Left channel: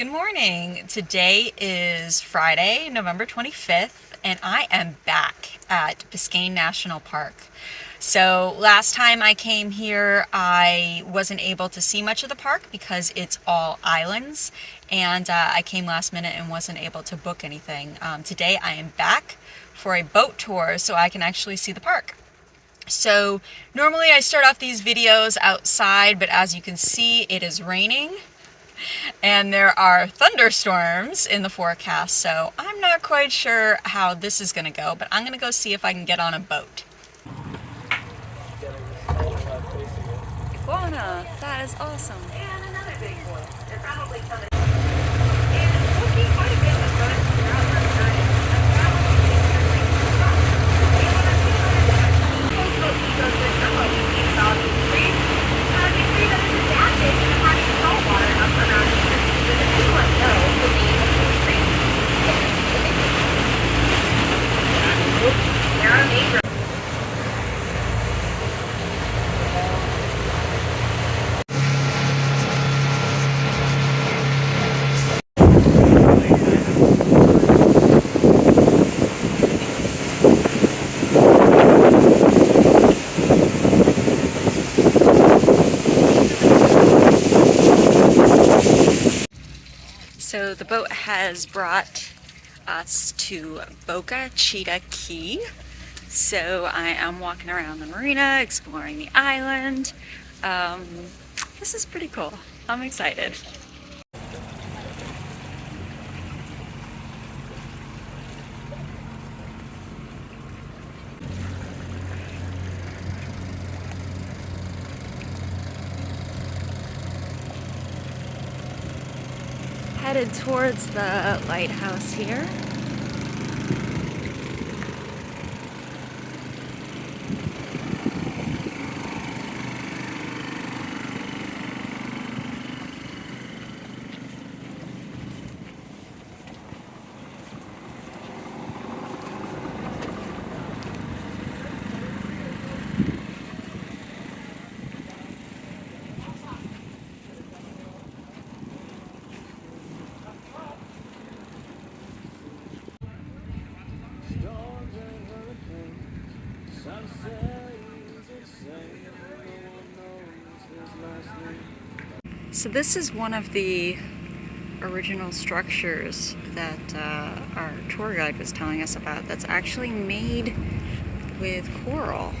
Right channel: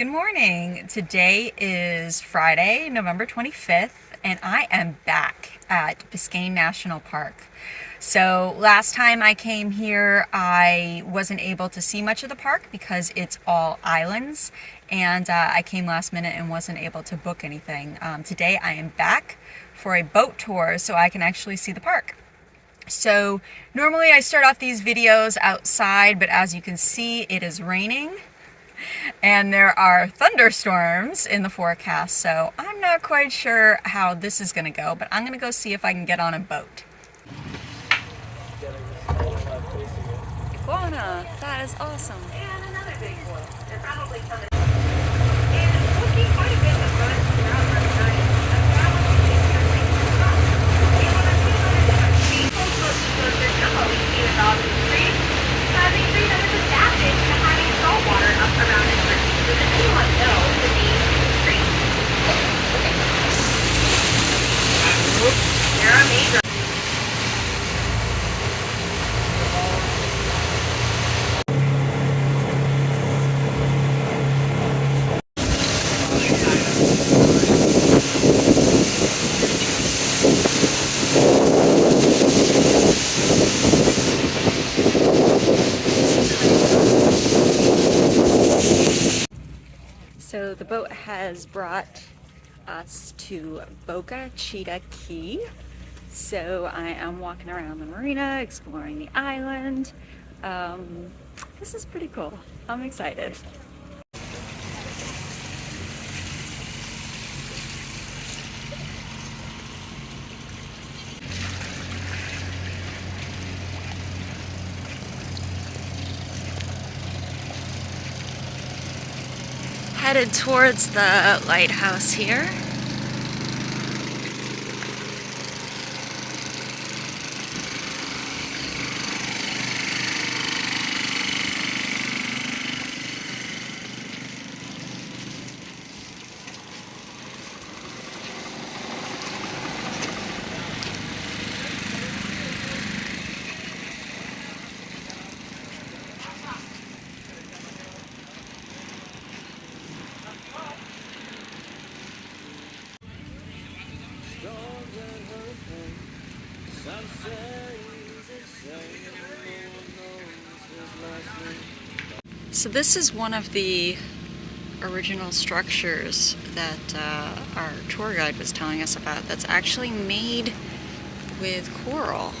Good morning. Today is Friday, November 25th, and I am back at Biscayne National Park. So last time I came here, I wasn't able to see much of the park because it's all islands, and I came last minute and wasn't able to book anything. Today I am back for a boat tour so I can actually see the park. So normally I start off these videos outside, but as you can see, it is raining. And there are thunderstorms in the forecast, so I'm not quite sure how this is going to go, but I'm going to go see if I can get on a boat. Iguana, that is awesome. And another big one. They're probably coming. So the boat has brought us to Boca, Chita Key. So I am walking around the marina, exploring the island. This is pretty cool. I'm excited. Headed towards the lighthouse here. So this is one of the original structures that our tour guide was telling us about that's actually made with coral.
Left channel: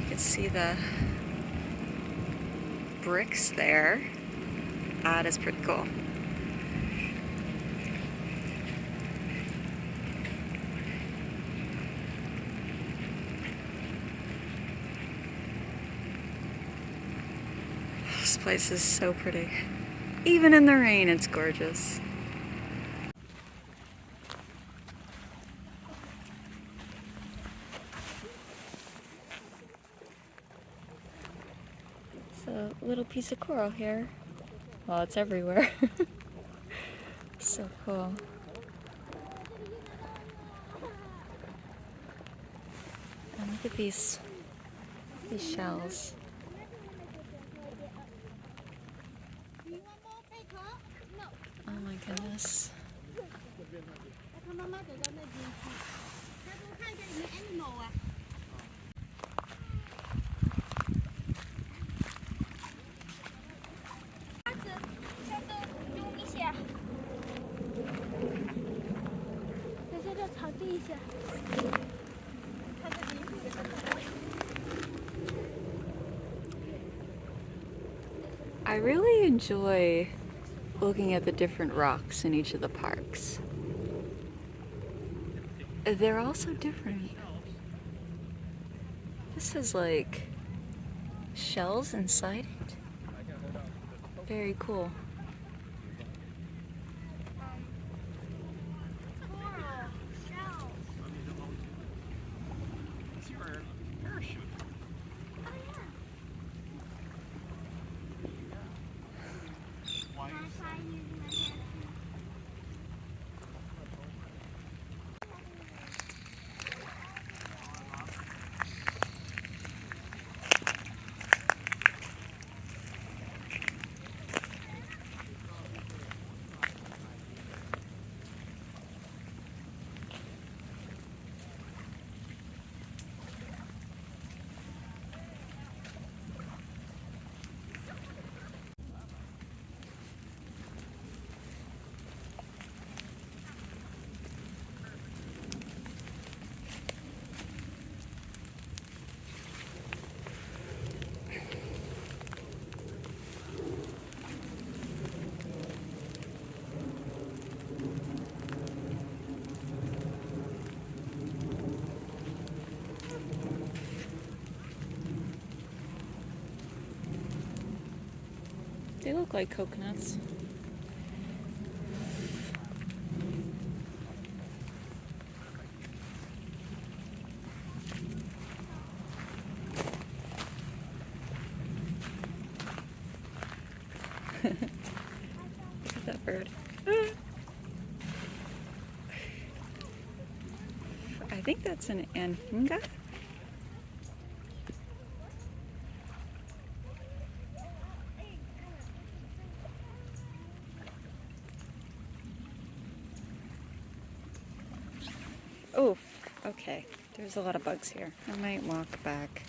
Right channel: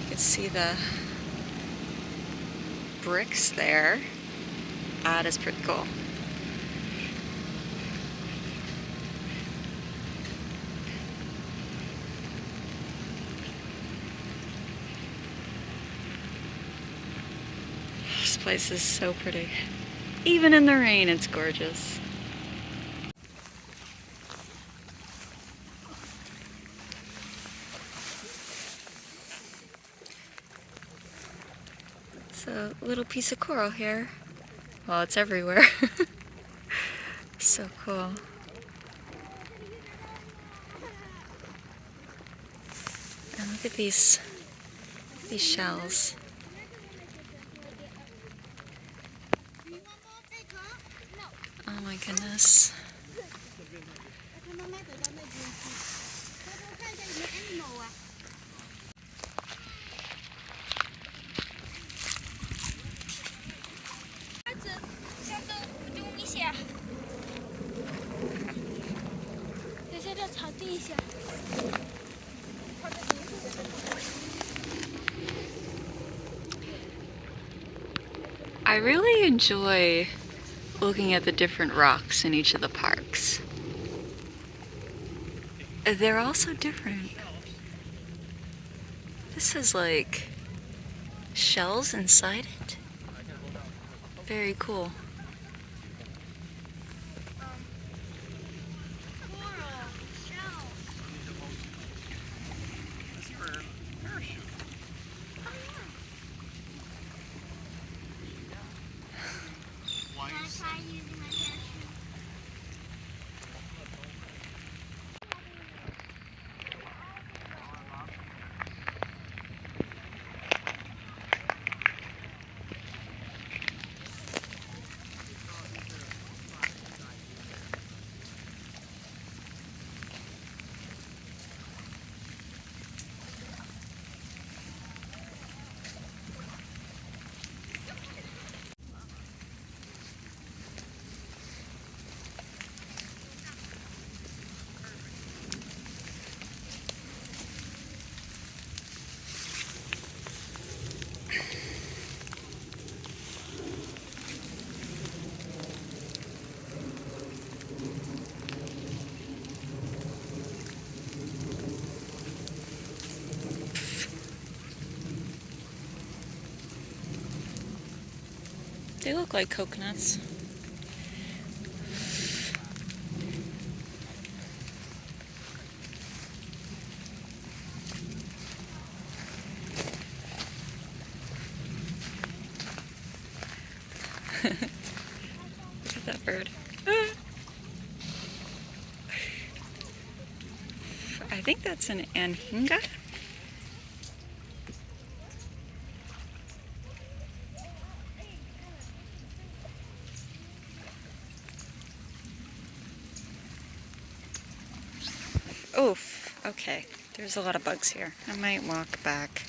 You can see the bricks there. That is pretty cool. This place is so pretty. Even in the rain, it's gorgeous. So, a little piece of coral here. Well, it's everywhere. So cool. And look at these shells. Oh my goodness. I really enjoy looking at the different rocks in each of the parks. They're all so different. This has like shells inside it. Very cool. They look like coconuts. Look at that bird. I think that's an anhinga. Oof, okay. There's a lot of bugs here. I might walk back.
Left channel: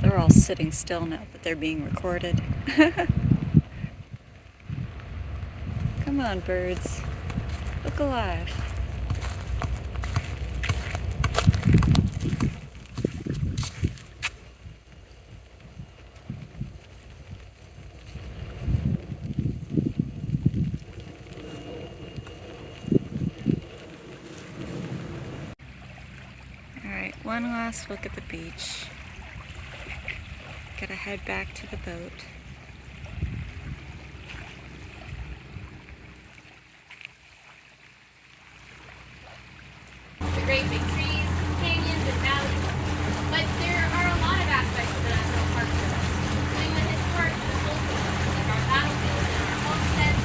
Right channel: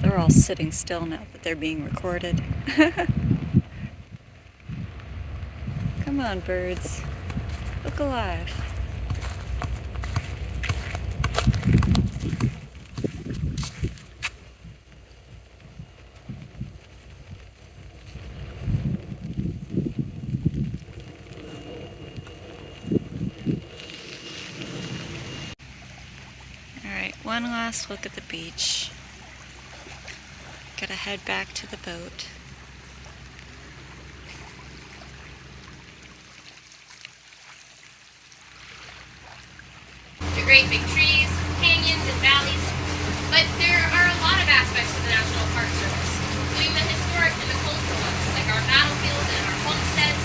They're all sitting still now that they're being recorded. Come on, birds. Look alive. Alright, one last look at the beach. Gotta head back to the boat. The great big trees, canyons, and valleys. But there are a lot of aspects of the National Park Service, including the historic and the cultural ones, like our battlefields and our homesteads,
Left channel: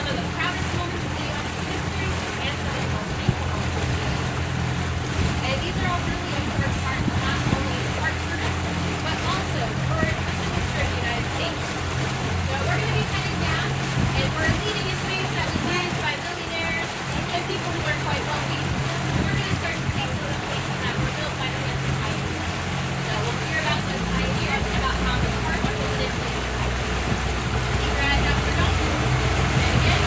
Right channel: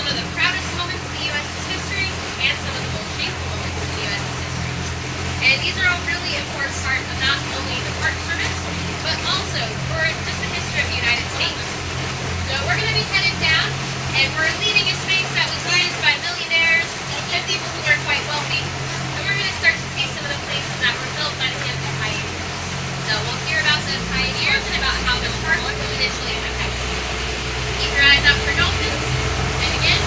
some of the proudest moments in the U.S.'s history, and some of the most shameful moments in the U.S.'s history. And these are all really important parts of not only the Park Service, but also for just the history of the United States. So we're going to be headed down, and we're leaving a space that was used by millionaires and people who are quite wealthy. And we're going to start to see some of the places that were built by the pioneers. So we'll hear about those pioneers and about how the park was initially independent. Keep your eyes out for dolphins. And again,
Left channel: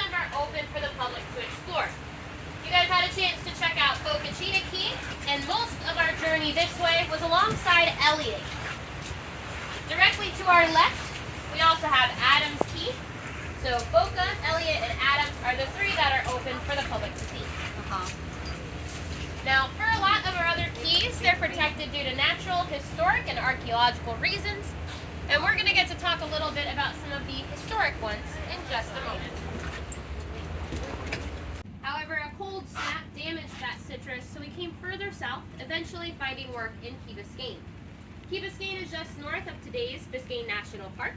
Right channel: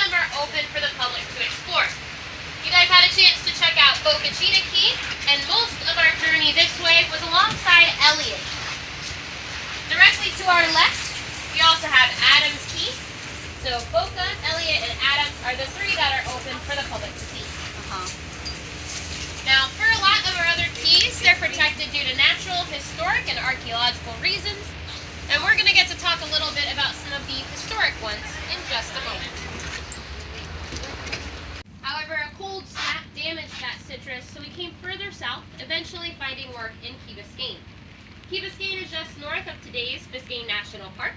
some are open for the public to explore. You guys had a chance to check out Boca Chita Key, and most of our journey this way was alongside Elliott. Directly to our left, we also have Adams Key. So Boca, Elliott, and Adams are the three that are open for the public to see. Now, for a lot of our other keys, they're protected due to natural, historic, and archaeological reasons. And we're going to get to talk a little bit about some of the historic ones in just a moment. However, a cold snap damaged that citrus, so we came further south, eventually finding work in Key Biscayne. Key Biscayne is just north of today's Biscayne National Park,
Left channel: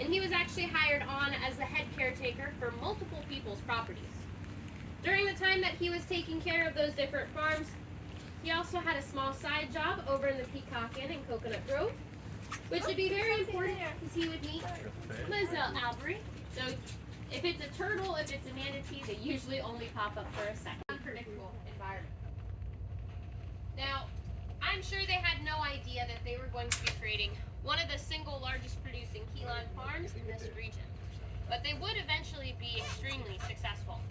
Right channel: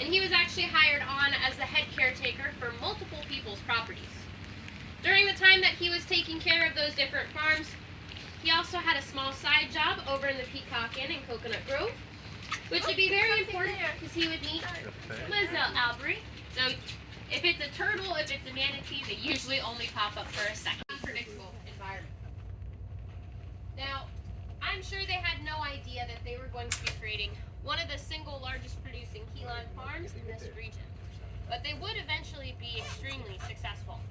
and he was actually hired on as the head caretaker for multiple people's properties. During the time that he was taking care of those different farms, he also had a small side job over in the Peacock Inn in Coconut Grove, which would be very important because he would meet Lizelle Albury. So if it's a turtle, if it's a manatee, they usually only pop up for a second. Unpredictable environment. I'm sure they had no idea that they were going to be creating one of the single largest producing key lime farms in this region. But they would eventually be extremely successful.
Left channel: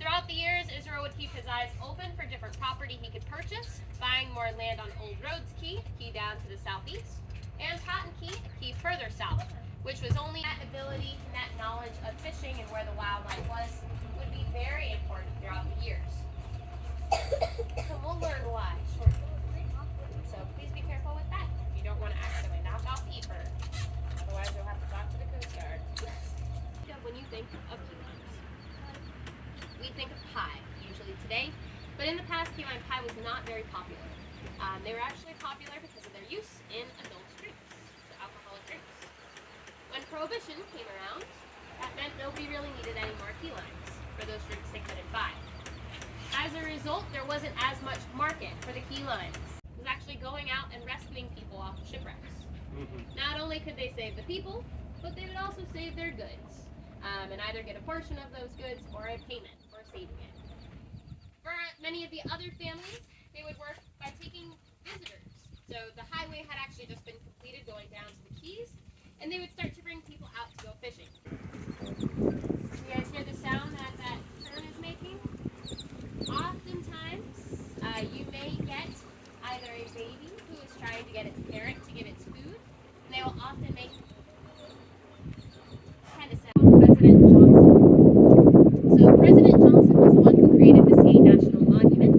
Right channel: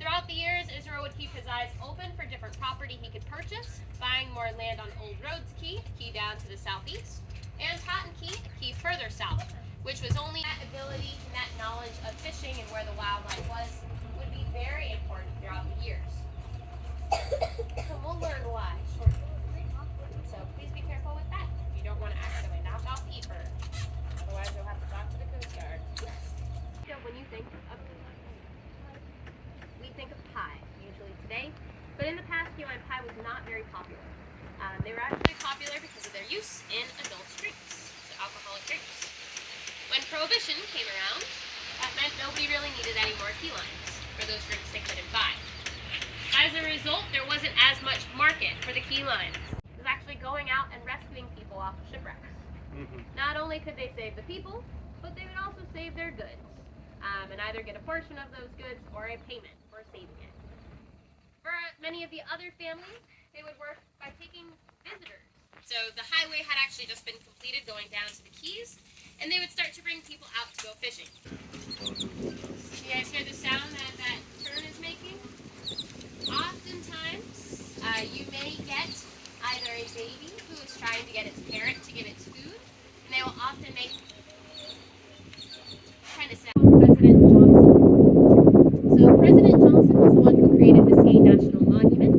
Throughout the years, Israel would keep his eyes open for different property he could purchase, buying more land on Old Roads Key down to the southeast, and Cotton Key further south, which was only that ability and that knowledge of fishing and where the wildlife was would be very important throughout the years. So we'll learn why shortly. So please be careful with that. You don't want to accidentally knock off Ether. Otherwise you'll have to talk to the Coast Guard. When you think of key limes, we think of pie, usually today, but in the past key lime pie was not very popular. They were actually popular because of their use in adult drinks, so alcoholic drinks. When Prohibition came around, that meant nobody really needed any more key limes for those drinks they couldn't buy. As a result, there wasn't as much market for the key limes. It was actually going out and rescuing people off of shipwrecks. Not only could they save the people, but they would also save their goods, and either get a portion of those goods or a payment for saving it. For many of the other families, they would work by taking visitors. So the highway had actually just been completed going down to the Keys, and they would start to bring people out to go fishing. You guys hear the sound that that turn is making? Oftentimes, you may get either a baby who is trying to get its parent to give its food, and they will often make kind of sound. President Johnson. So President Johnson was the one who created Biscayne National Monument,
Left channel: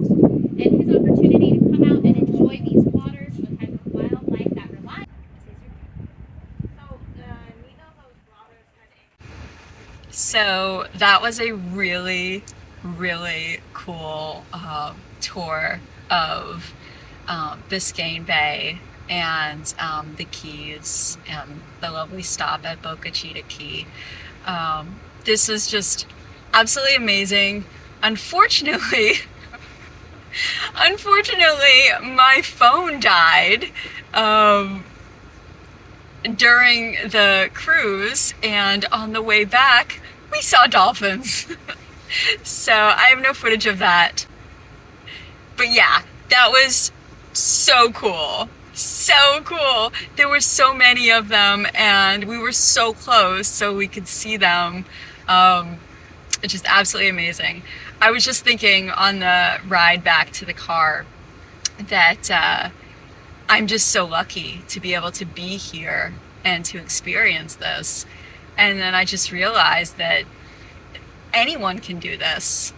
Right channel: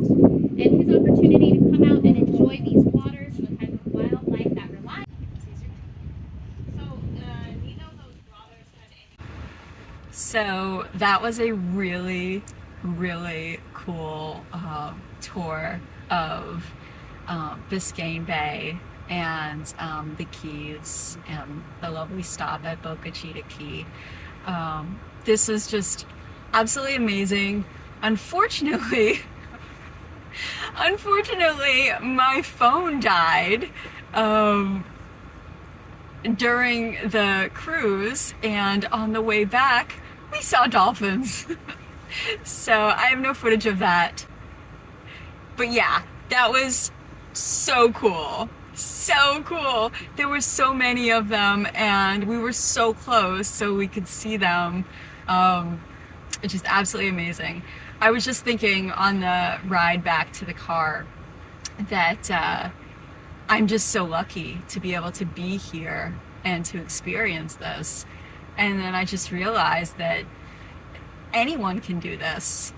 and his opportunity to come out and enjoy these waters, the type of wildlife that relies. So that was a really, really cool tour of Biscayne Bay and the Keys and the lovely stop at Boca Chita Key. This was just absolutely amazing. Unfortunately, my phone died during the cruise, and on the way back, we saw dolphins. So I have no footage of that. But yeah, that was so cool. So cool. There were so many of them, and we were so close so we could see them. It's just absolutely amazing. I was just thinking on the ride back to the car that I'm just so lucky to be able to be here and to experience this. And then I just realized that anyone can do this.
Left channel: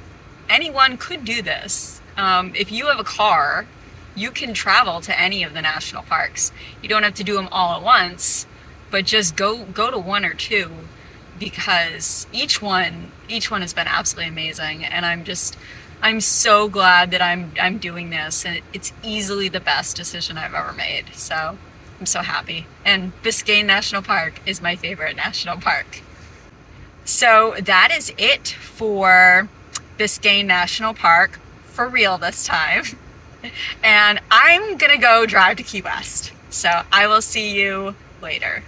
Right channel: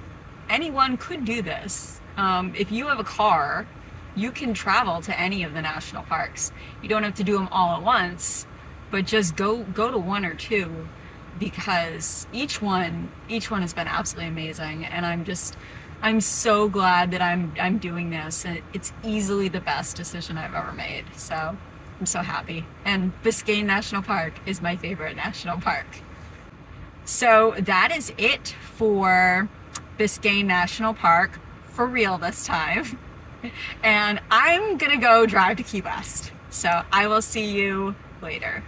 Anyone could do this. If you have a car, you can travel to any of the national parks. You don't have to do them all at once, but just go to one or two, because each one has been absolutely amazing. And I'm so glad that I'm doing this, and it's easily the best decision I've ever made. So I'm so happy. And Biscayne National Park is my favorite national park. So that is it for Biscayne National Park, for real this time. And I'm gonna go drive to Key West. So I will see you later.